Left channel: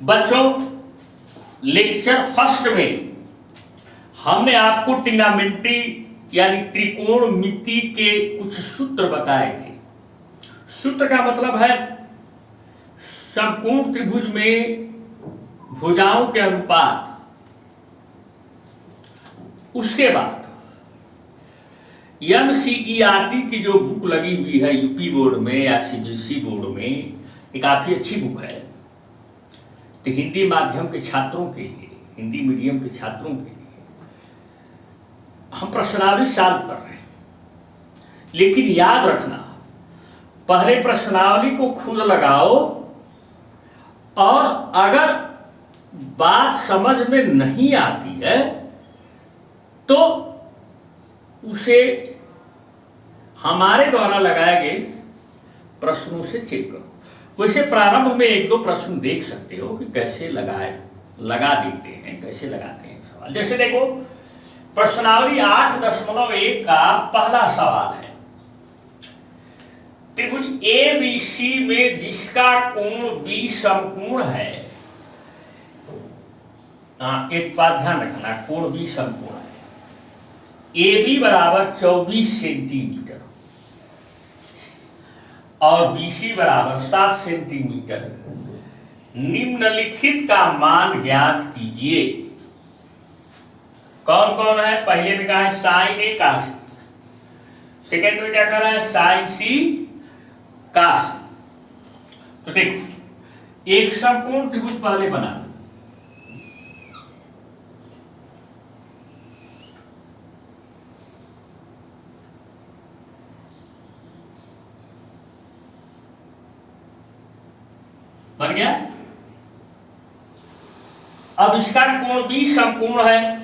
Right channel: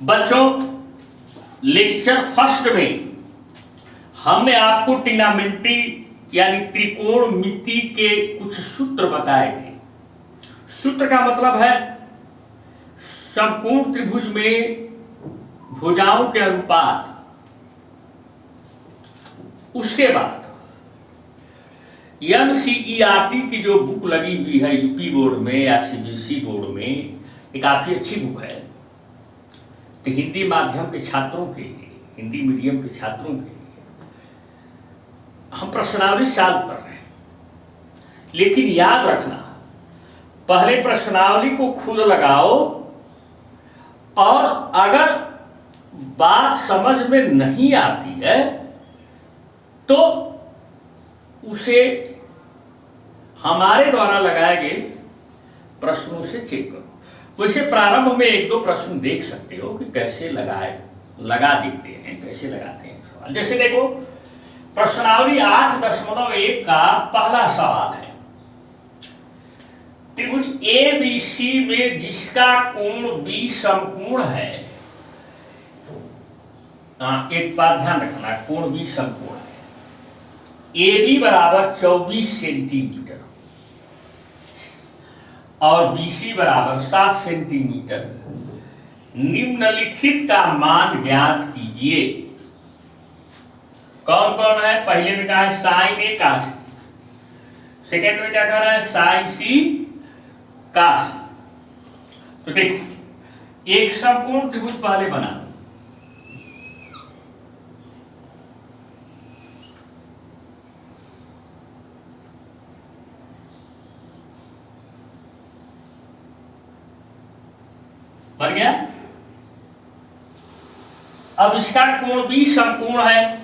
बच्चों, lecture first में हमने आपको ट्रिग्नोमेट्री यानी त्रिकोणमिति के कुछ सूत्र बताए थे। सूत्र का मतलब है समकोण त्रिभुज में भुजाओं के अनुपात। उसके बाद NCERT की जो बुक लगी हुई है यूपी बोर्ड में या CBSE बोर्ड में, ये काफी अच्छी बुक है। तो हिंदी माध्यम के छात्रों के लिए, हिंदी मीडियम के छात्रों के लिए हम प्रश्नावली सॉल्व कर रहे हैं। लेकिन याद रखना, पहले प्रश्नावली को खुद लगाओ और अगर बात समझ में नहीं आती है तो उसे हमारे द्वारा लगाए गए प्रश्नों से चेक करो। वैसे प्रारंभ में एक दो प्रश्न देख सकते हो कि कैसे लगा देते हैं, कैसे लगाते हैं सवाल। जैसे देखो, प्रश्नावली 8.1 का पहला सवाल है, त्रिभुज ABC में जिसका कोण B समकोण है। एक बात ध्यान रखना, कोण B समकोण है। AB बराबर 24 सेंटीमीटर और BC बराबर 7 सेंटीमीटर। निम्नलिखित का मान ज्ञात कीजिए। कौन कौन है? पहले में कहा है sine A cos B, second में क्या कर रहा है? Sine C cos B। तो देखो, एक समकोण त्रिभुज पहले बना, बन गया। अब इसका कोण B समकोण है,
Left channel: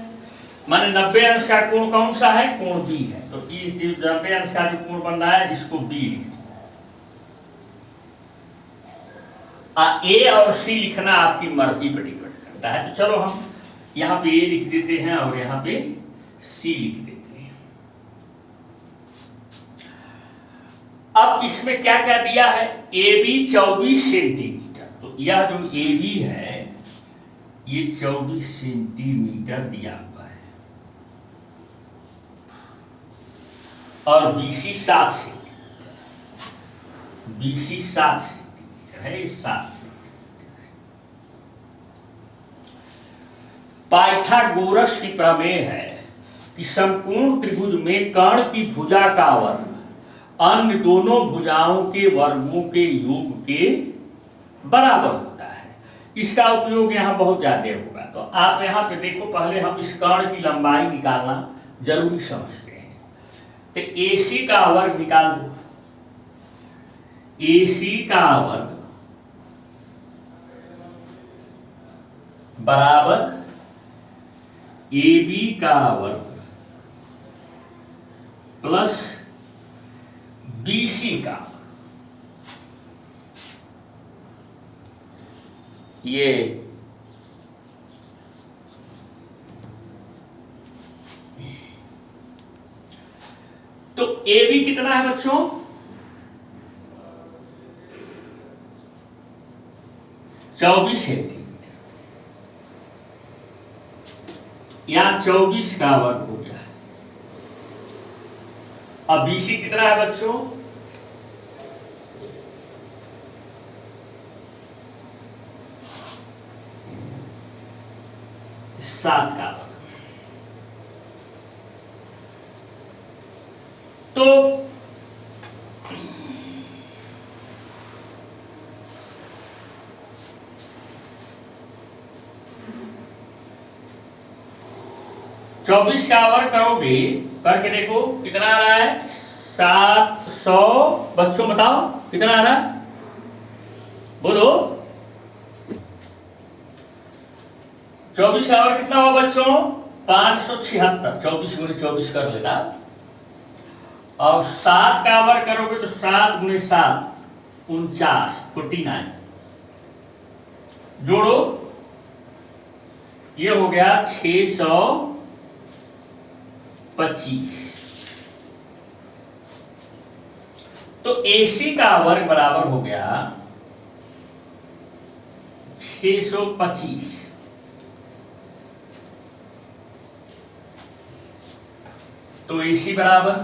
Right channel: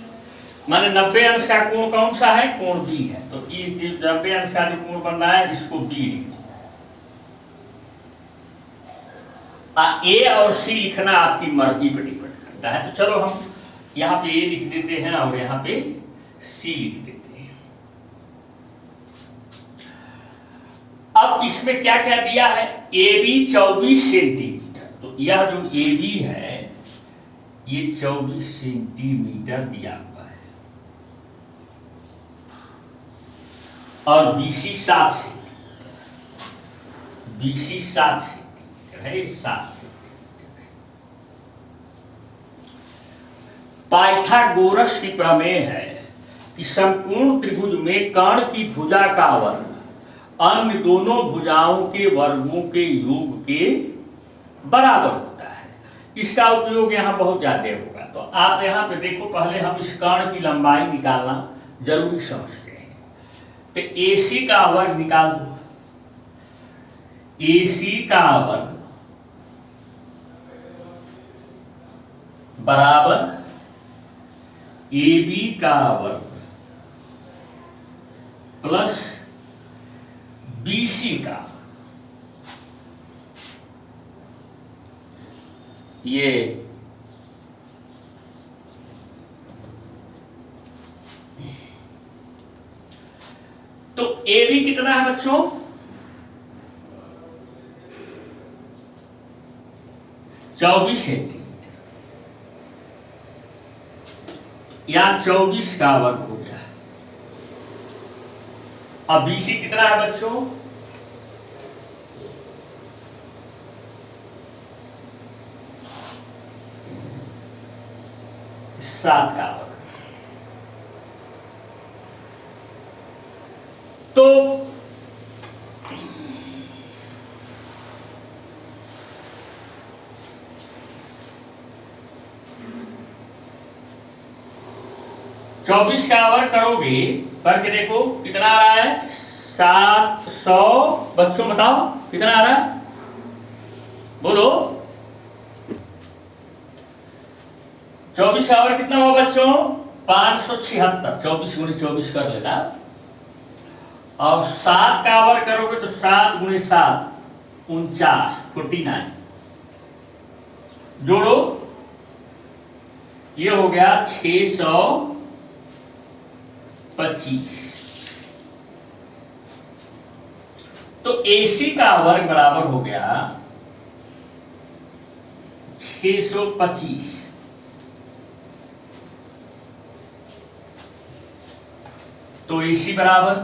माने 90 अंश का कोण कौन सा है? कोण B है। तो इस 90 अंश का जो कोण बन रहा है इसको B लिख दो। A और C लिखना आपकी मर्जी पर डिपेंड करता है। तो चलो हम यहाँ पे A लिख देते हैं और यहाँ पे C लिख देते हैं। अब इसमें क्या क्या दिया है? AB 24 centimetre. तो यह जो AB है ये 24 सेंटीमीटर दिया हुआ है और BC 7 सेंटीमीटर। BC 7 सेंटीमीटर है, 7 सेंटीमीटर। पाइथागोरस की प्रमेय है कि समकोण त्रिभुज में कर्ण की भुजा का वर्ग अन्य दोनों भुजाओं के वर्गों के योग के बराबर होता है। इसका उपयोग यहाँ बहुत ज्यादा होगा। तो आप यहाँ पे देखो, पहले हम इस कर्ण की लंबाई निकालना जरूरी समझते हैं। तो AC का वर्ग निकाल दो। AC का वर्ग बराबर AB का वर्ग प्लस BC का। ये तो AB कितना है बच्चों? 24 सेंटीमीटर या 24 का वर्ग हो गया। अब BC कितना है बच्चों? 7 का। तो चौबीस का वर्ग करोगे, करके देखो कितना आ रहा है? 700। बच्चों बताओ कितना आ रहा है, बोलो। 24 का वर्ग कितना हुआ बच्चों? 576। 24 गुणे 24 कर लेना। और 7 का वर्ग करोगे तो 7 गुणे 7 49, 49। जोड़ो, ये हो गया 625। तो AC का वर्ग बराबर हो गया 625। तो AC बराबर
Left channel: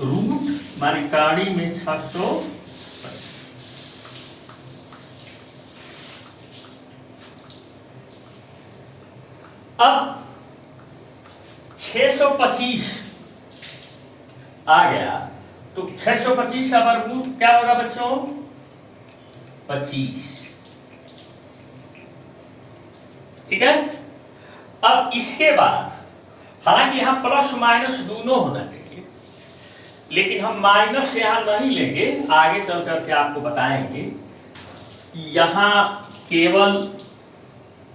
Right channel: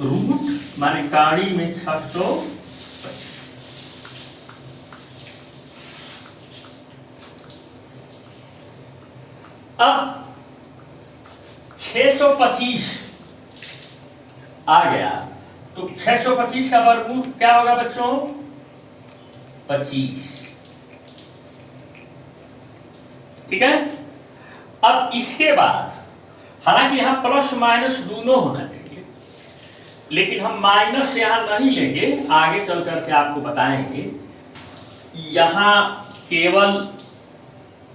रूट माने काड़ी में 600। अब 625 आ गया तो 625 का वर्गमूल क्या होगा बच्चों? 25। ठीक है। अब इसके बाद हालांकि यहां प्लस माइनस दोनों होना चाहिए, लेकिन हम माइनस यहां नहीं लेंगे, आगे चल करके आपको बताएंगे। यहां केवल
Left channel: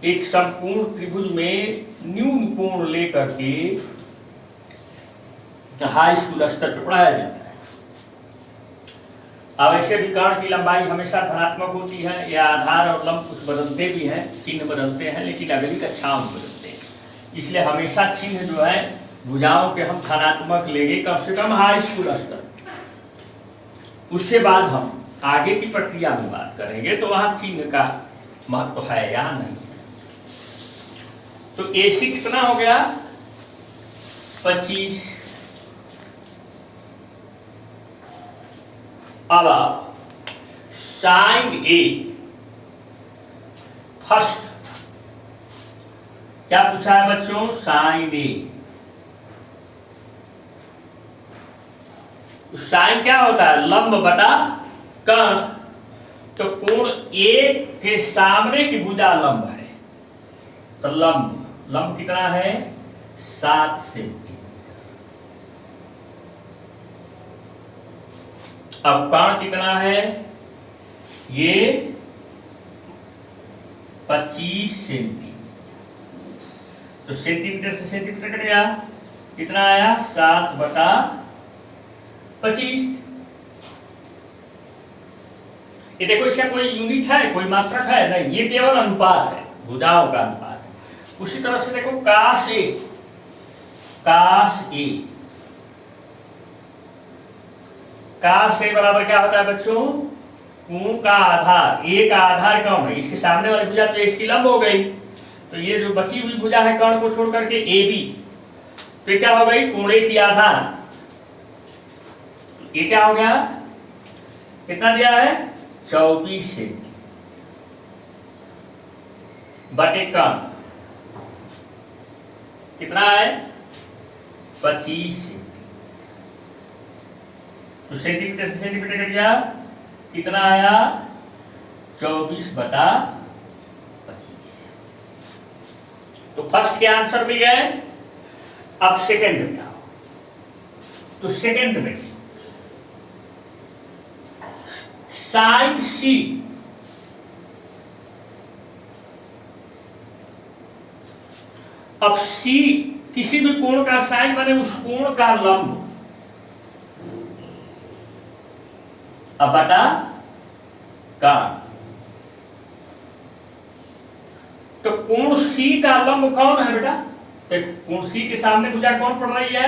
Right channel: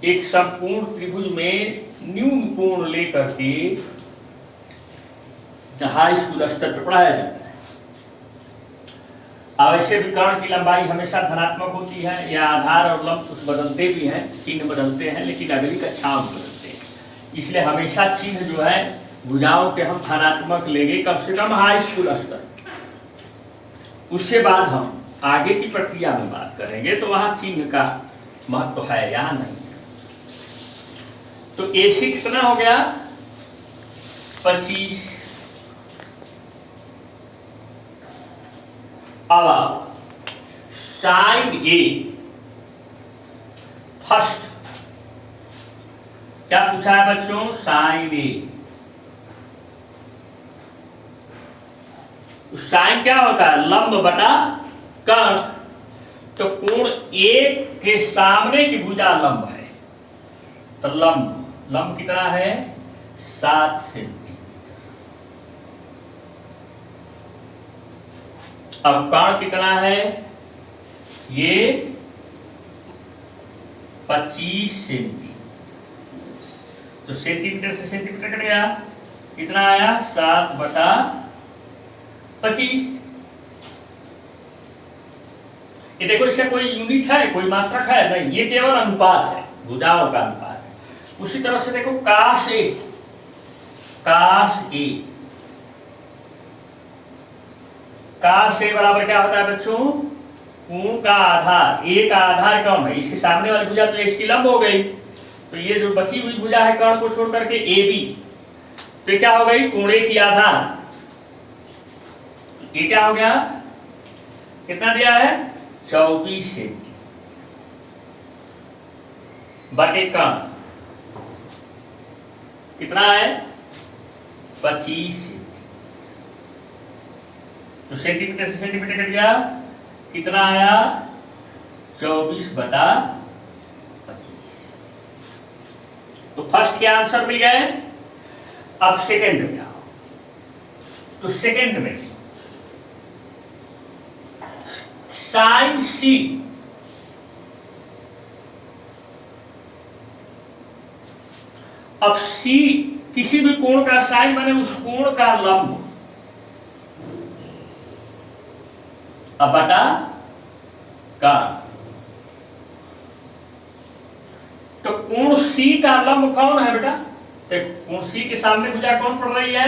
एक संपूर्ण त्रिभुज में न्यून कोण लेकर के हाई स्कूल स्तर पर पढ़ाया जाता है। अब ऐसे भी कर्ण की लंबाई हमेशा धनात्मक होती है, या आधार और लंब कुछ बदलते भी हैं, चिन्ह बदलते हैं, लेकिन अगली कक्षाओं में बदलते हैं। इसलिए हमेशा चिन्ह जो है भुजाओं के हम धनात्मक लेंगे, कम से कम हाई स्कूल स्तर। उसके बाद हम आगे की प्रक्रिया में बात करेंगे तो वहां चिन्ह का महत्व है, यहां नहीं। तो AC कितना हो गया? 25। अब साइन A फर्स्ट क्या पूछा है बच्चों? Sign A। साइन क्या होता है? लंब बटा कर्ण। तो कोण A के सामने की भुजा लंब है, तो लंब कितना है? 7 सेंटीमीटर। अब कर्ण कितना है? ये 25 सेंटीमीटर। तो सेंटीमीटर से सेंटीमीटर कट गया, कितना आया? 7/25। ये देखो, इसका कोई यूनिट है, कोई मात्रक है नहीं, ये केवल अनुपात है, भुजाओं का अनुपात है। उसी तरह से देखो काश ए बराबर क्या होता है बच्चों? कोण का आधार। ए का आधार कौन है? इसके सामने वाली भुजा तो इसकी लंब हो गई, तो ये जो बची हुई भुजा है कर्ण को छोड़ करके AB, तो ये क्या हो गई? कोण A की आधार। ये क्या हो गया? कितना दिया है? 24 सेंटीमीटर बटे कर्ण कितना है? 25 सेंटीमीटर। तो सेंटीमीटर से सेंटीमीटर कट गया, कितना आया? 24/25। तो फर्स्ट के आंसर मिल गए। अब सेकंड में आओ, तो सेकंड में साइन C अब C किसी भी कोण का साइन माने उस कोण का लंब अब बटा कर्ण। तो कोण C का लंब कौन है बेटा? तो कोण C के सामने भुजा कौन पड़ रही है?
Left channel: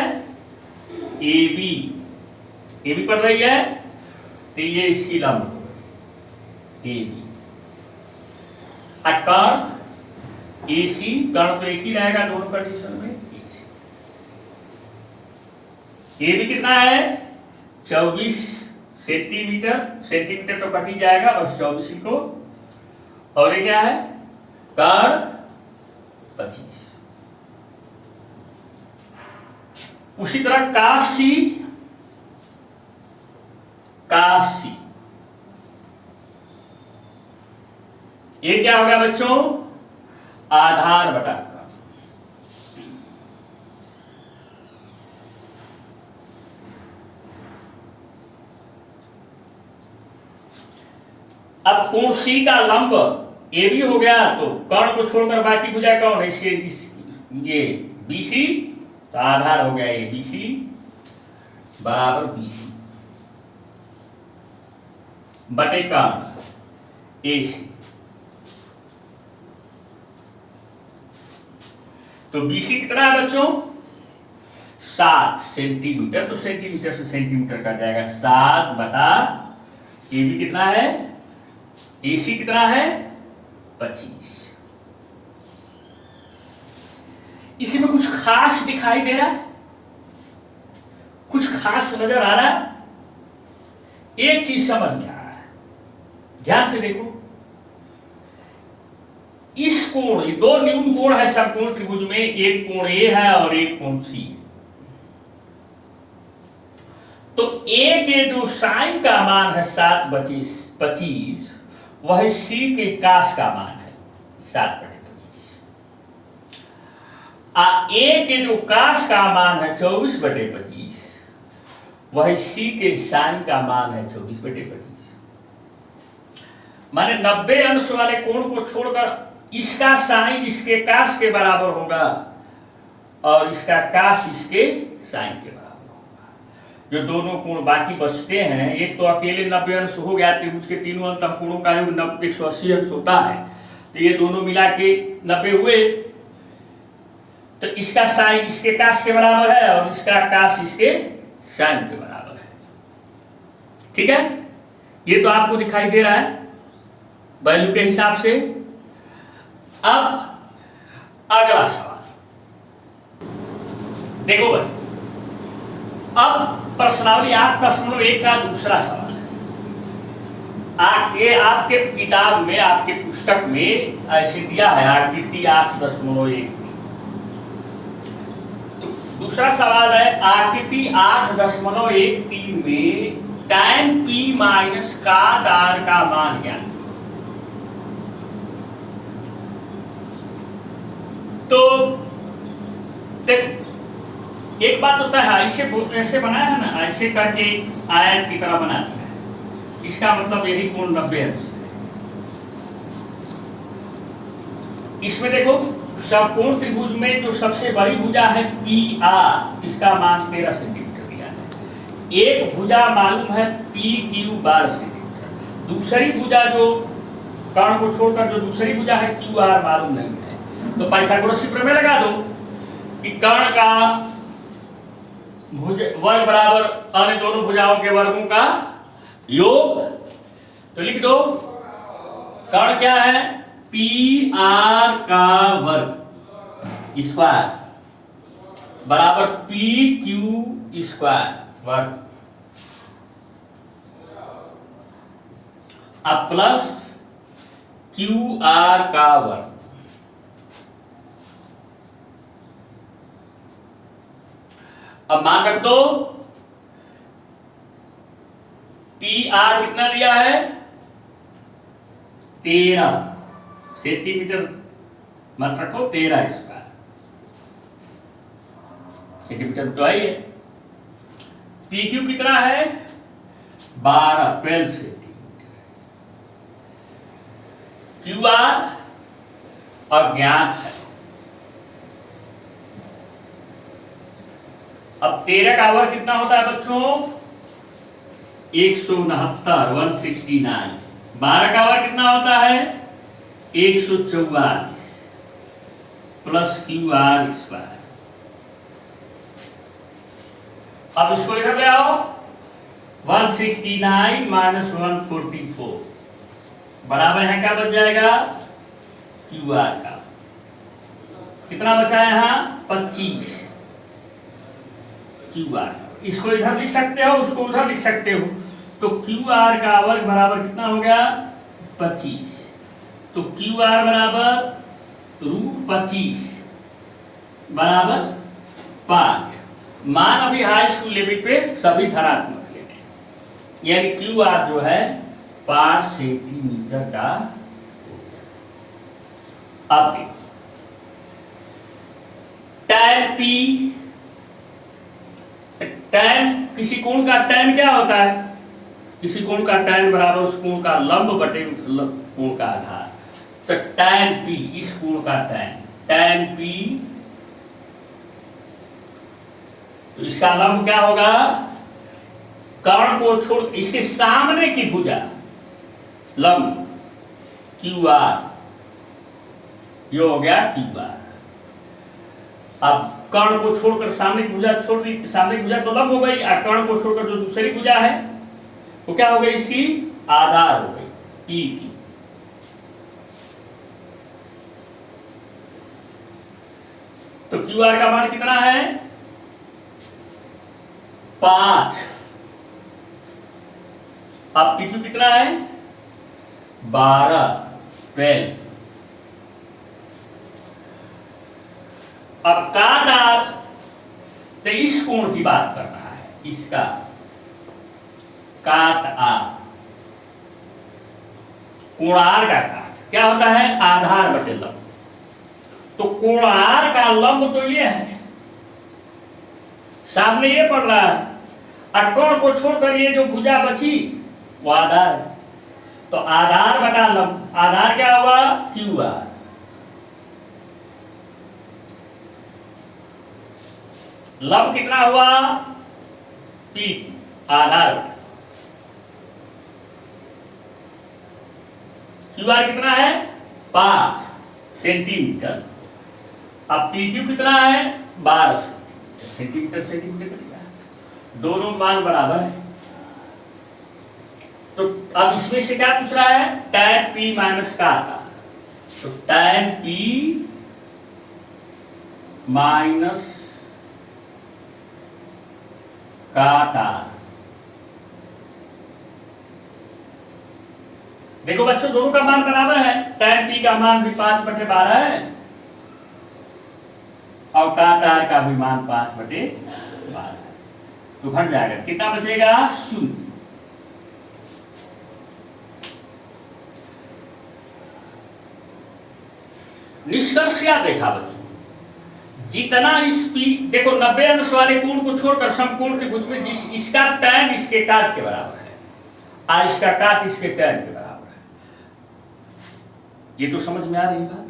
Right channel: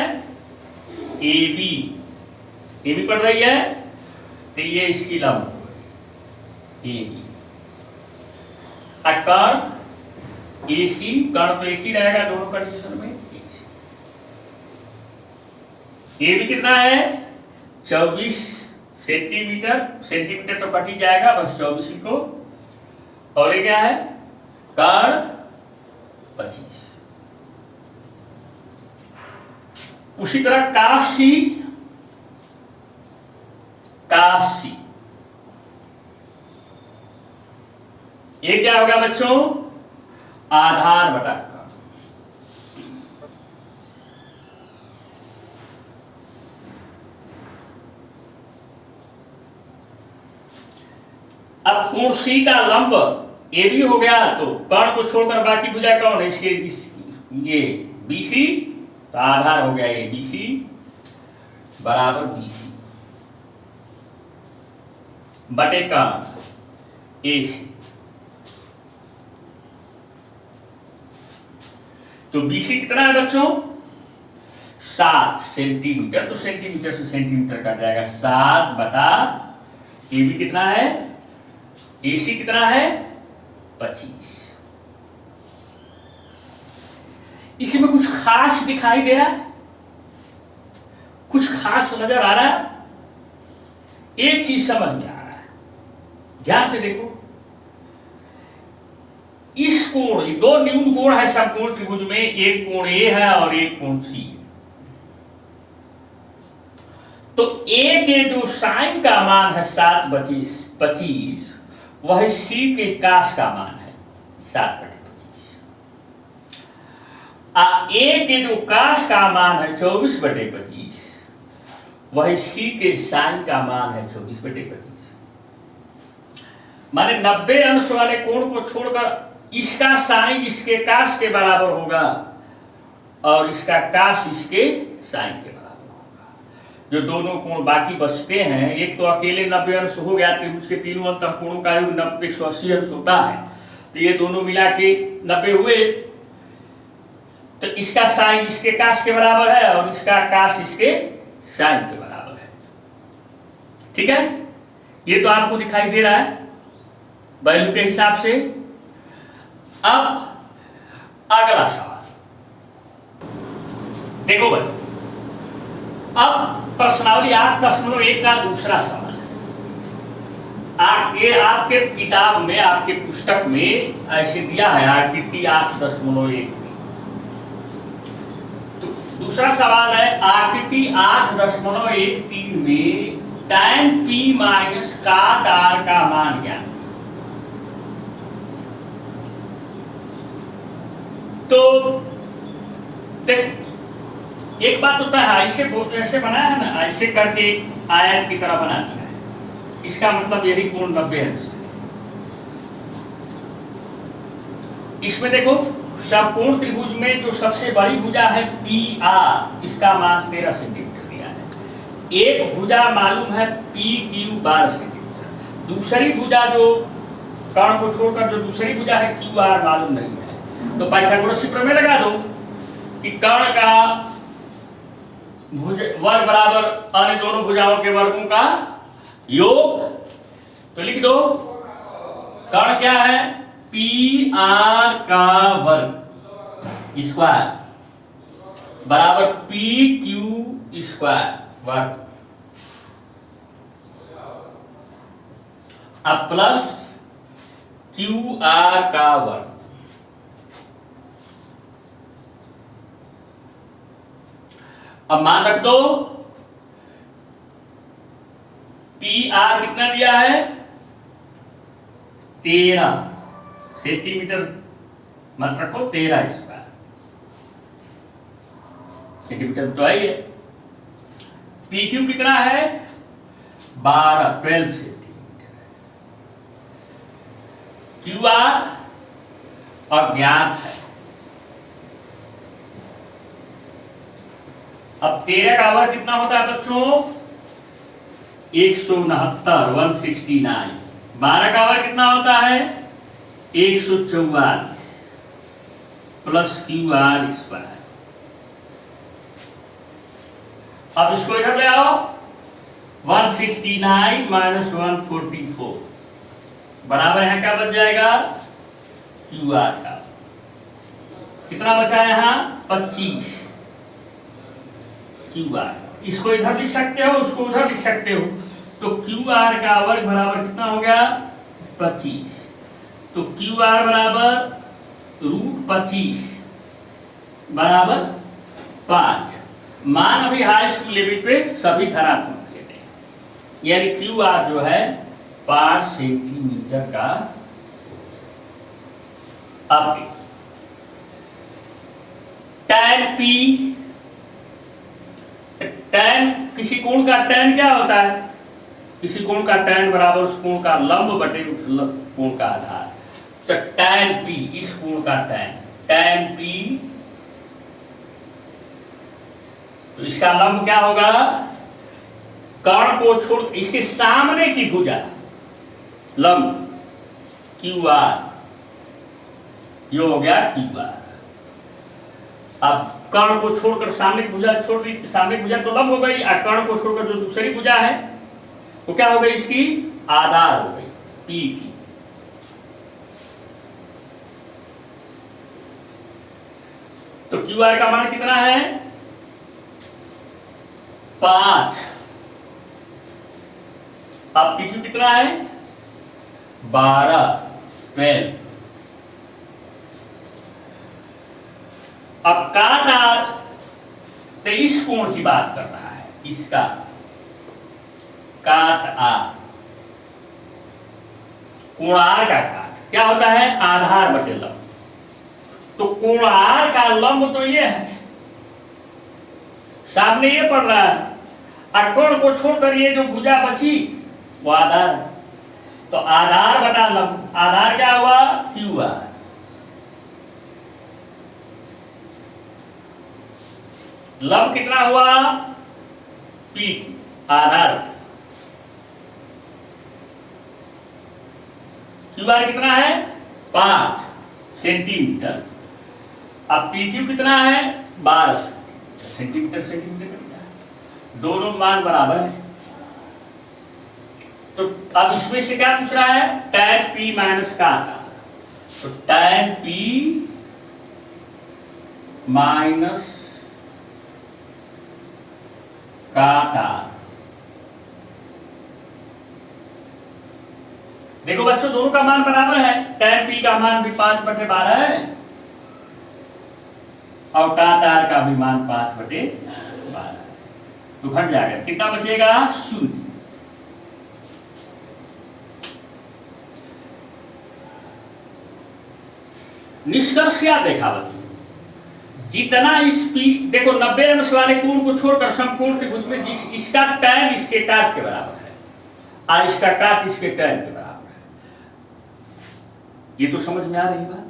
AB पड़ रही है, तो ये इसकी लंब AB। कर्ण AC, कर्ण तो एक ही रहेगा दोनों कंडीशन में। AB कितना है? 24 सेंटीमीटर। सेंटीमीटर तो कट ही जाएगा, बस 24 को। और ये क्या है? कर्ण 25। उसी तरह काशी ये क्या होगा बच्चों? आधार बटा कर्ण। अब कोण C का लंब AB हो गया, तो कर्ण को छोड़कर बाकी भुजा कौन है? ये BC, तो आधार हो गया ABC बराबर BC बटे कर्ण AC। तो BC कितना है बच्चों? 7 सेंटीमीटर, तो सेंटीमीटर से सेंटीमीटर कट जाएगा 7 बटा ए बी कितना है, ए सी कितना है 25। इसमें कुछ खास दिखाई दे रहा है, कुछ खास नजर आ रहा है, एक चीज समझ में आ रहा है, ध्यान से देखो। इस कोण, ये दो न्यून कोण है समकोण त्रिभुज में, एक कोण ए है और एक कोण सी। तो ए के जो साइन का मान है 7/25, वह सी के कास का मान है 7/25। ए के जो कास का मान है 24/25, वह सी के साइन का मान है 24/25। माने 90 अंश वाले कोण को छोड़कर इसका साइन इसके कास के बराबर होगा और इसका कास इसके साइन के बराबर होगा। जो दोनों कोण बाकी बचते हैं, एक तो अकेले 90 अंश हो गया, त्रिभुज के तीनों अंतःकोणों का योग 180 अंश होता है, तो ये दोनों मिला के 90 हुए। तो इसका साइन इसके कास के बराबर है और इसका कास इसके साइन के बराबर है। ठीक है, ये तो आपको दिखाई दे रहा है वैल्यू के हिसाब से। अब अगला सवाल देखो भाई, अब प्रश्नावली 8.1 का दूसरा सवाल है। ये आपके किताब में, आपके पुस्तक में ऐसे दिया है आकृति 8.1। तो दूसरा सवाल है आकृति 8.13 में tan p minus cot r का मान क्या है। तो देख, एक बात होता है ऐसे बनाया है ना, ऐसे करके आयत की तरह बना दिया है, इसका मतलब यही कोण 90 अंश है। इसमें देखो समकोण त्रिभुज में जो सबसे बड़ी भुजा है पी आर, इसका मान 13 सेंटीमीटर दिया है। एक भुजा मालूम है पी क्यू 12 सेंटीमीटर, दूसरी भुजा जो कर्ण को छोड़कर जो दूसरी भुजा है क्यू आर मालूम नहीं है। तो पाइथागोरस प्रमेय लगा दो कि कर्ण का वर्ग बराबर अन्य दोनों भुजाओं के वर्गों का योग। तो लिख दो कर्ण क्या है, पी आर का वर्ग स्क्वायर बराबर पी क्यू स्क्वायर वर्ग, अब प्लस क्यू आर का वर्ग। अब मान रख दो टी आर कितना दिया है 13 सेंटीमीटर, मत रखो 13 स्क्वायर सेंटीमीटर तो आई है। पी क्यू कितना है 12 सेंटीमीटर। क्यू आर अज्ञात है। अब 13 का वर्ग कितना होता है बच्चों 169 12 का वर्ग कितना होता है 144 प्लस क्यू आर स्क्वायर। अब इसको इधर ले आओ 169 माइनस 144 बराबर है क्या बच जाएगा क्यू आर का। कितना बचा है यहाँ 25 क्यू आर। इसको इधर लिख सकते हो, उसको उधर लिख सकते हो। तो क्यू आर का वर्ग बराबर कितना हो गया 25। तो क्यू आर बराबर √25 बराबर 5। मान अभी हाई स्कूल लेवल पे सभी धनात्मक लेते हैं, यानी क्यू आर जो है 5 सेंटीमीटर का। अब tan p, tan किसी कोण का tan क्या होता है, किसी कोण का tan बराबर उस कोण का लंब बटे उस कोण का आधार। तो tan p इस कोण का tan p, तो इसका लंब क्या होगा कर्ण को छोड़ इसके सामने की भुजा लंब क्यू आर, यो हो गया क्यू आर। अब कर्ण को छोड़कर सामने भुजा छोड़ दी, सामने भुजा तो लंब हो गई, और कर्ण को छोड़कर जो दूसरी भुजा है वो क्या हो गई, इसकी आधार हो गई पी की। तो क्यू आर का मान कितना है 5। अब पी क्यू कितना है 12। अब काट आर तो इस कोण की बात कर रहा है, इसका काट आर, कोणार का काट क्या होता है आधार बटे लंब। तो कोणार का लंब तो ये है, सामने ये पड़ रहा है, और कोण को छोड़कर ये जो भुजा बची वो आधार। तो आधार बटा लंब, आधार क्या हुआ क्यू आर। लंब कितना हुआ पी, आधार क्यू आर कितना है 5 सेंटीमीटर। अब पी क्यू कितना है 12 सेंटीमीटर, सेंटीमीटर कितना है, दोनों मान बराबर है। तो अब इसमें से क्या पूछ रहा है tan p माइनस काट आर। तो tan p माइनस काट आर। देखो बच्चों दोनों का मान बराबर है, tan p का मान भी 5/12 है और काट आर का भी मान 5/12 है। तो घट जाएगा, कितना बचेगा 0। निष्कर्ष क्या देखा बच्चों, जितना इस पी देखो 90 अंश वाले कोण को छोड़कर समकोण त्रिभुज में जिस इसका tan इसके काट के बराबर है और इसका काट इसके tan के बराबर है। ये तो समझ में आ रही बात।